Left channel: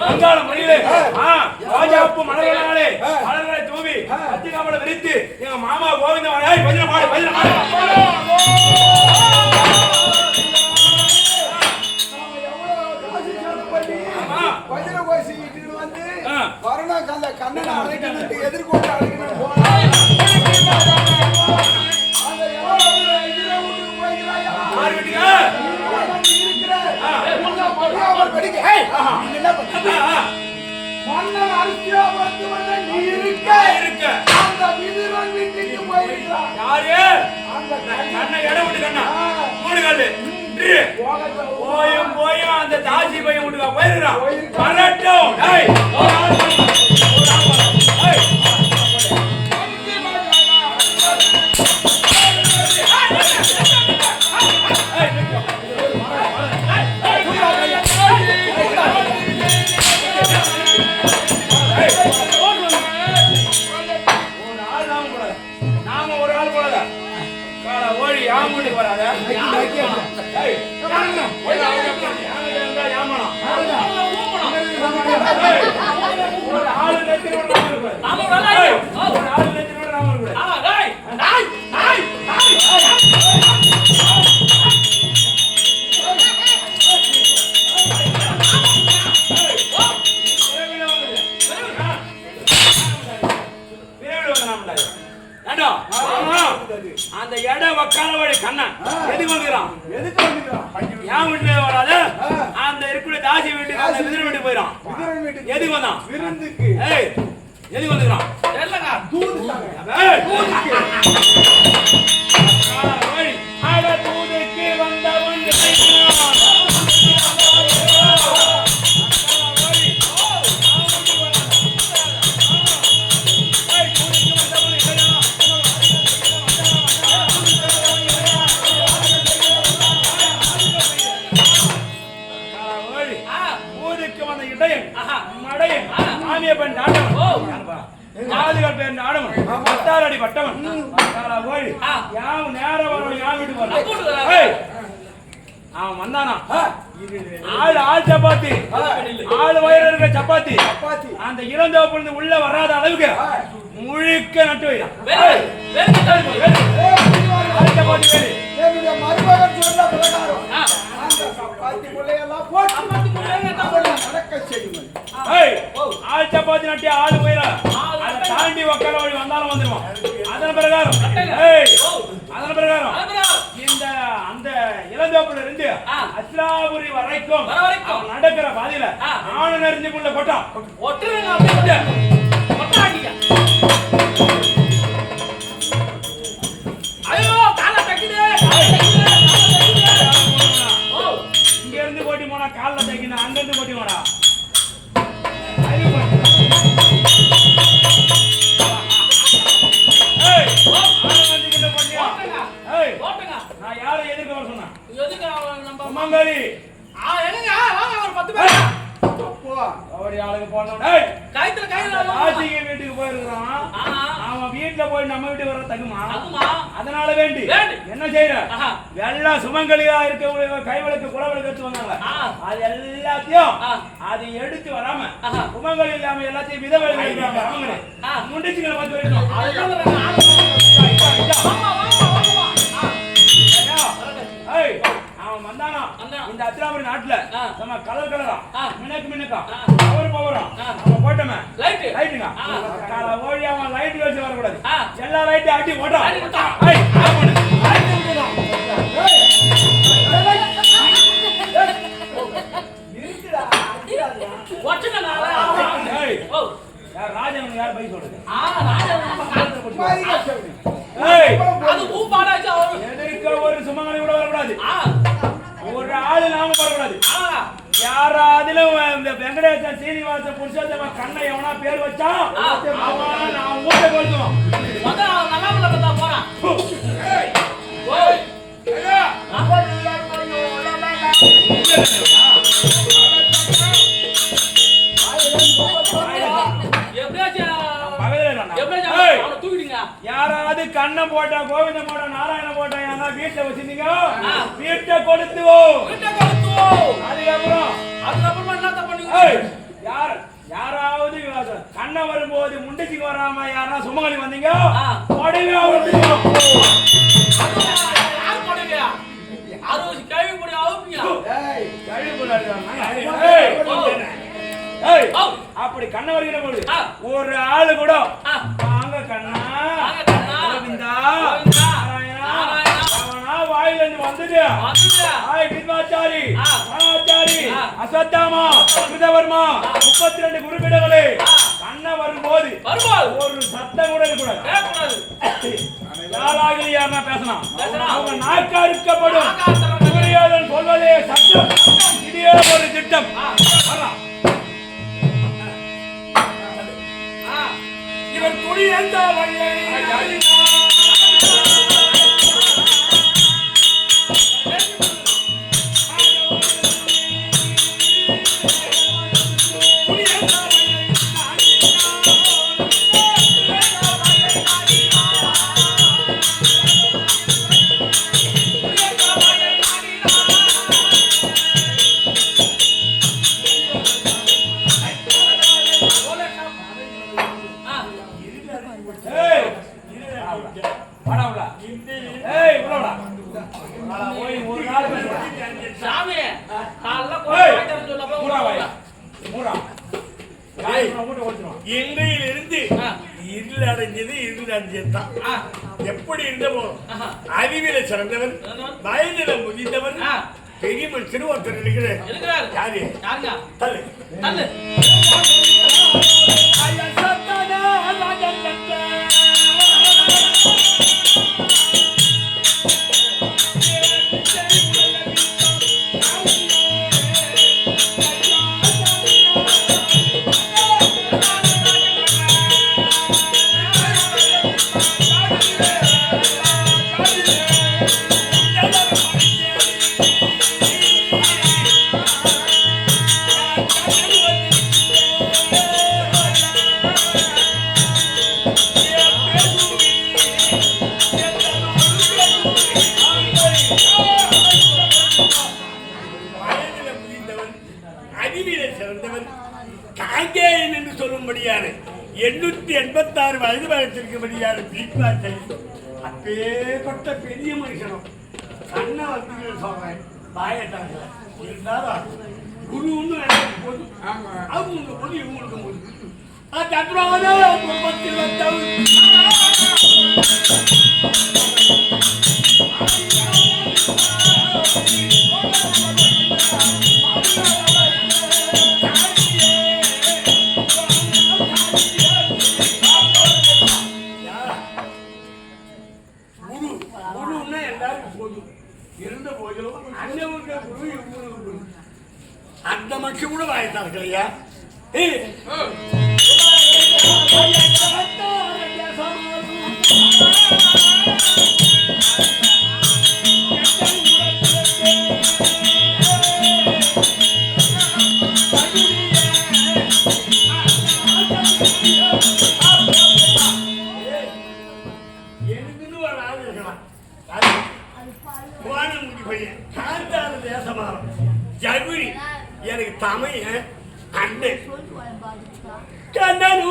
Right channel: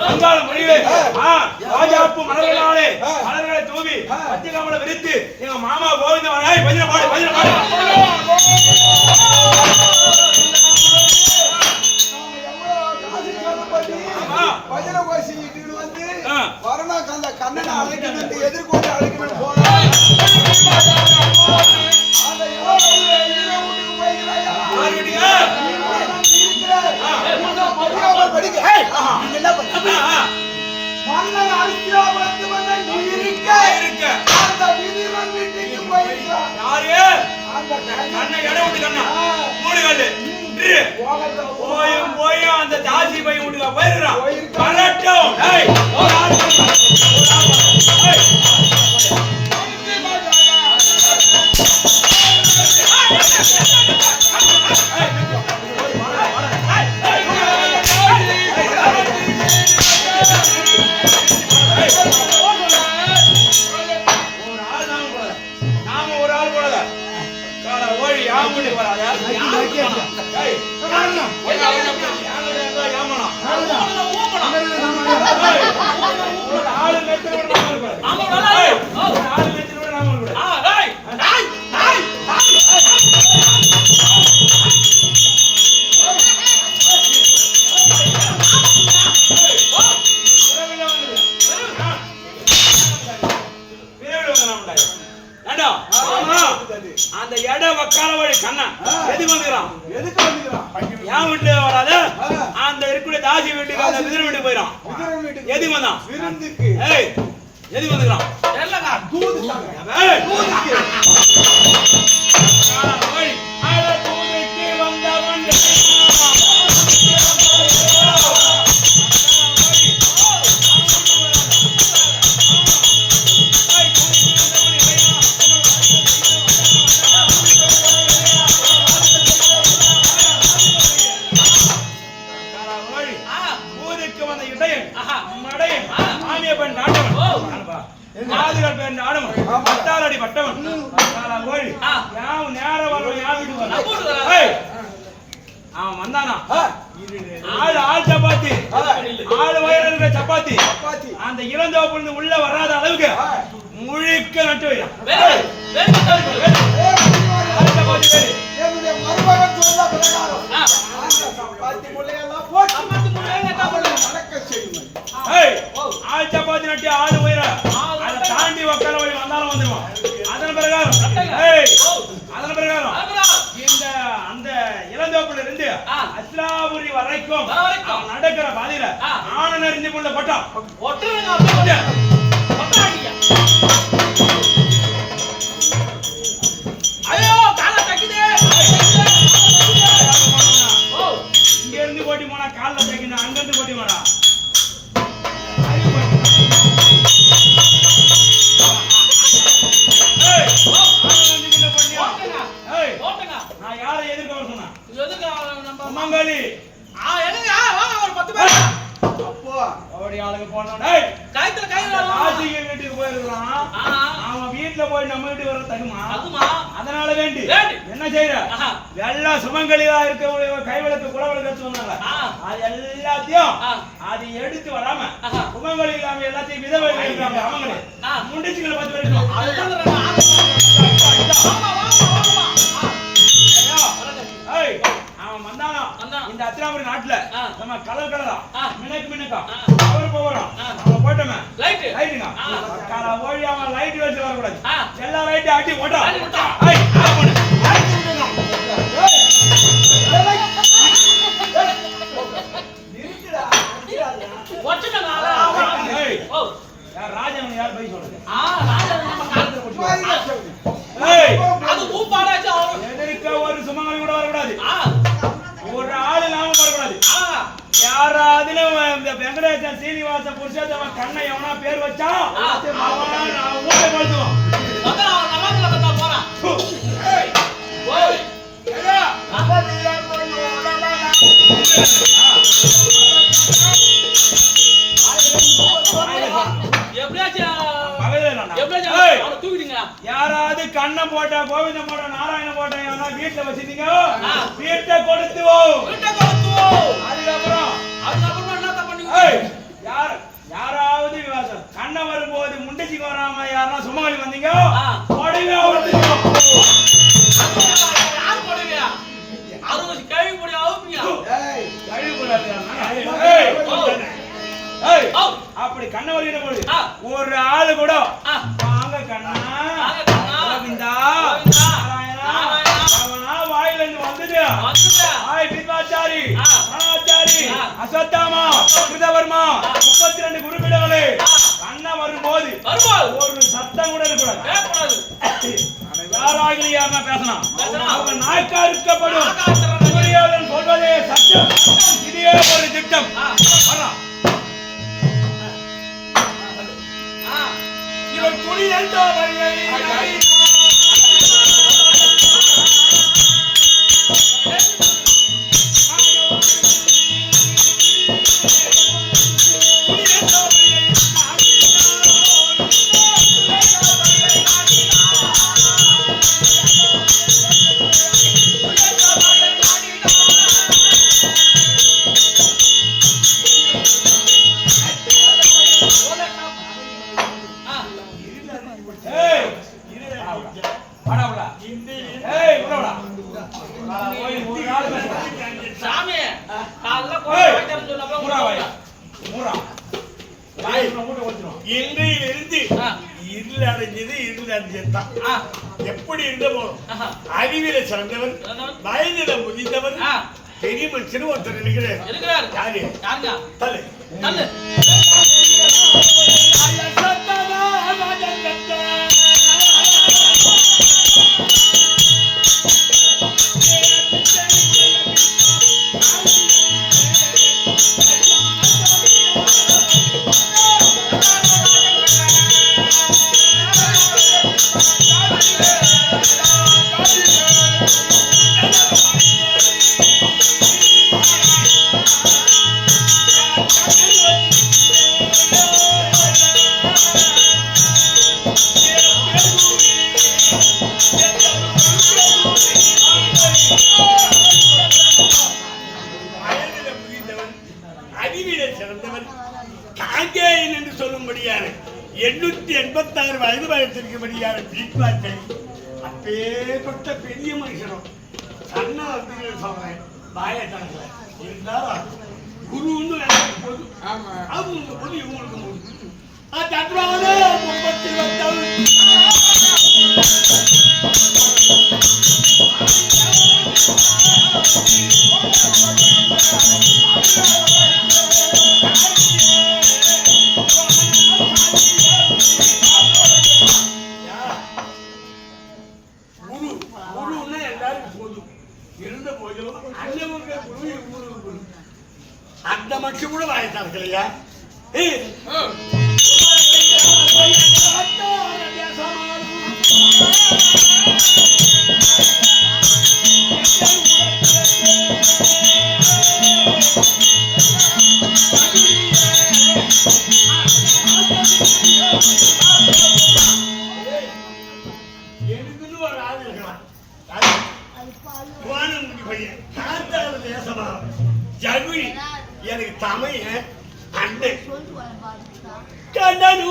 வங்காள முறையிலே ராஜாப்பு மலர்களாலே மலர்களை மாமா கோவிந்த மலையாய் பஜனை பாடு பஜனை பாடு. பஜனை கோஷி வந்து வரணும் கண்ணனை அழைக்கணும் எதிர்கொண்டு அழைக்கணும் என்ன ஆ. மன்னன் அரசியலாபத்து வந்த நீ இருக்க. இருக்க அந்த விதிவன் வீட்டுக்கு போயிருக்கிறான். யாரு அந்த கண்ணை இடம் விட்டு கண்ணா. மூணு கல்லு. போயும் போயும் அந்த தாசி பையன் வீட்டுக்கு போயிருக்கிறான் போயிருக்கான். ஆளு நேரத்துல கூட நாம இருக்கக்கூடாது. ஏய், ஒரு ஆளு நேரத்துல கூட எதுக்கு வந்தான்? விருந்துக்கு. ஏய் எதுக்கு வந்துக்கிறான்? தூது தாங்க. தூதுக்கு. அட தூதுக்கு பட்டாள ஓடி யாவும் நேரம் வரவன் யார் வீட்டுக்கு அவன் வந்தானா? ஆள் ஆள் சப்பாத்தி. ஆள் வயிறு இருக்கிற சப்பாத்தி. சப்பாத்தி. அந்த இளந்தோப்புல இருந்து உள்ள வராத அளவுக்கு முழுக்க நட்டு வைடா. சப்பாத்தி வேறு என்னுடைய மருமகன் சொன்ன பிரகாரம் அந்த சப்பாத்தி முள்ளையெல்லாம் போட்டு. ஆள் சப்பாத்தி நட்டி ஆள் உயிர. அதை தாண்டி உக்கார வழி வந்தாலும் வந்துருவான். அதன் பிரகாரம் அதன் பிரகாரம் இந்த அந்த இளந்தோப்புல இருந்து அஸ்லாபுரி வரைக்கும் அவன் நடக்கிற பாதையில ஆண நெறிஞ்சு புள்ள கொட்டான் இங்க இருந்து போட்டி போனா கால்ல தைக்கணும் அங்க ஏய், நான் யாரை எதிர்க்க வர சொன்னேன்? மங்காளி அப்போ. ஓடி ஆளுங்க போனோம் ஏய் கைத்துல கை ராசிகை வீட்டுக்கு போயிருக்கலாம் அவன் வீட்டுல போய் நம்ம வீட்டுக்கு வர தகுமா அதனால வேண்டி. என்ன செய்யற ஆஹா. எல்லாம் சுமங்கலியா இருக்கவங்க கைவிளக்கு குலவிளக்கு எடுத்து வந்தாங்க ஆ. அது எல்லாத்தையும். அது எடுத்து வராம. சுமங்கலி இல்லாம எல்லாத்தையும் விதவை இருக்காங்க அவங்களே ஆ. முண்டிச்சுங்களை பார்த்து ஏய், அத்திராபுரி நாட்டுல. நம்ம கலர் கலரா. மினக்கு மினக்கா. பவர் பவரா. அவன் போட்டோமே லைட்டு. லைட்டுங்க. கால ஓடி அவன் லைட் வச்சு வரக்கூடாது. எல்லா லைட்டும் அடி போட்டா வரக்கூடாது யாராதிலும் இந்த வெங்கடேச சீனிவாச புருஷோத்தமன் கண்ணை எவனா பேர் வச்சா. அவன் நான் ஊட்ட கொளுத்துவான் பகலே யாராவது கண்ணம் போட்டா கோவிந்தம் போட்டா நாராயணம் போட்டா யாரா வீட்டுல வச்சிருந்தீங்க. வீட்டை கொடுத்துவோம் வீட்டை கொடுத்துவோம் அதுக்கப்புறம் அதுக்கப்புறமா என்னத்த பண்ணீங்க யார் யாராவது கண்ண வரும்போது முண்டச்சிக்கு வராம யாரா சுமங்கலி வந்தீங்க. உடனே அறுபது கேள்வி போடி அவுப்பியா ஓ. அப்படி கண்ண வருகிற போது. ஒரு ஆளு கூட ஆச்சாரி ஆ. அசத்தாமா கிருதவர்மா முப்பத்தி ரெண்டு குருபிடங்களே. கண்ண வரும்போது ஒரு சத்தம் கூட இருக்கக்கூடாது. யாராக யாருன்னா பேசலாம். அவங்க நாக்கா இருக்கப்படும். துரியோதன் சொல்வதே சட்டம் இதே ஒரு திட்டம். வரலாம். ஆ. இவன் துணி எந்த இன்றையிலிருந்து. இருள் அடைஞ்சது இருள் அடைஞ்சது தான். ஆ. எப்படி இருந்தமோ ஆஹா. அறிவில சிறந்தவர். வயதில முதிந்தவர் ஆ. பெரிய மனுஷன் ஒருத்தர் இருக்கிறார். யாரு? தலை சொல்லும்படியான எண்ணூத்தி எண்பத்தி ஆறு வயது வயதிற்கும்படியான பீட்வாச்சல் அப்பேற்பட்ட பெரிய மனுஷனும் கண்ண வந்து சொல்றேன். பாயத்தாங்கல இருந்தாலும் குருன்னு எனக்கு போது அவங்க போது இவங்களுக்கு போது தத்வான முப்பத்தில் எனக்குன்னு ஒரு ஆள் இருக்கலாம். அது வானமுடி பையன். காத்தால தேசமா? ஜகுரி எனக்கு தமைய அண்ணன். கண்ணனு